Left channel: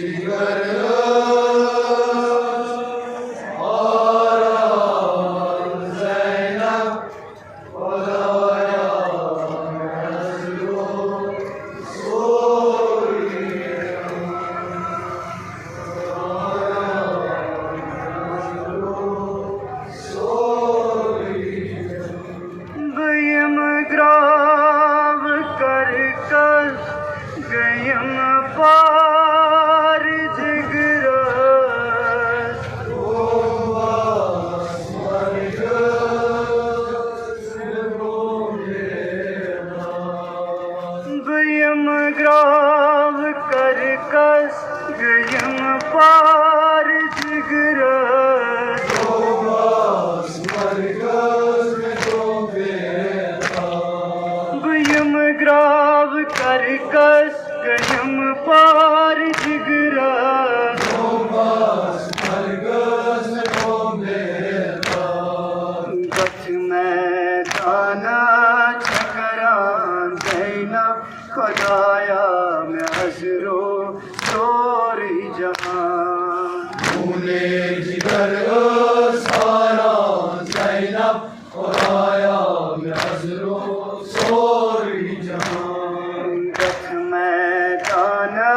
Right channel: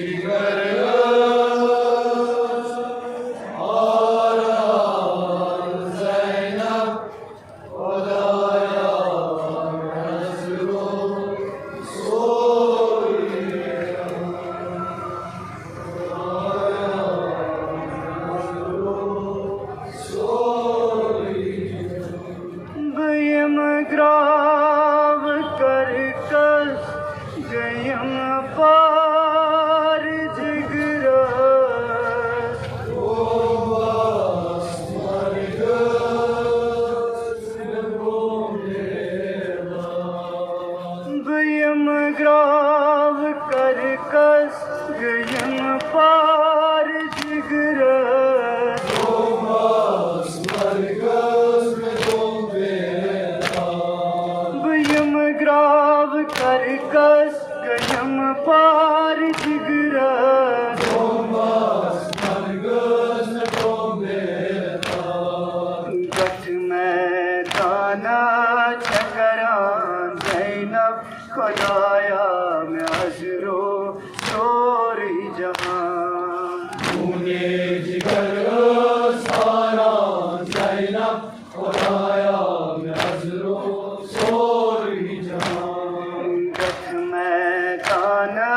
जिगर ग्राव कर कर गयम पार जिगरस गयम ग्राव कर कस गयम पार जिगरस गयम ग्राव कर कस गयम पार जिगरस गच मैदाना चकरान ज़ैनब खुदाया मैं हज़रो सोरी जहां खूने जिगर सारा ज़ैनब खुदाया मैं हज़रो सोरी जहां गच मैदाना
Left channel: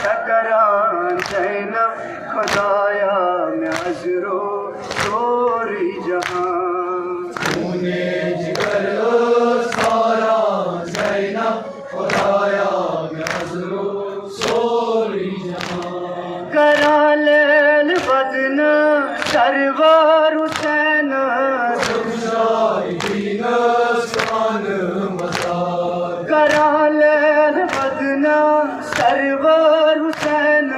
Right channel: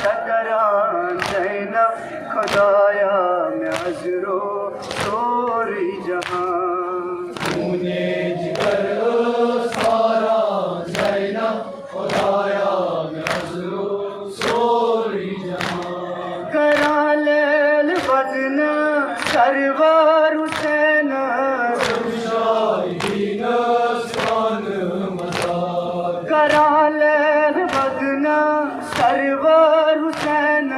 चकरान ज़ैनब खुदाया मैं हज़रो सोरी जहां खूने जिगर सारा ज़ैनब खुदाया मैं हज़रो सोरी जहां करा लेल बदन सरवार हुसैन करा लेल बदन सरवार हुसैन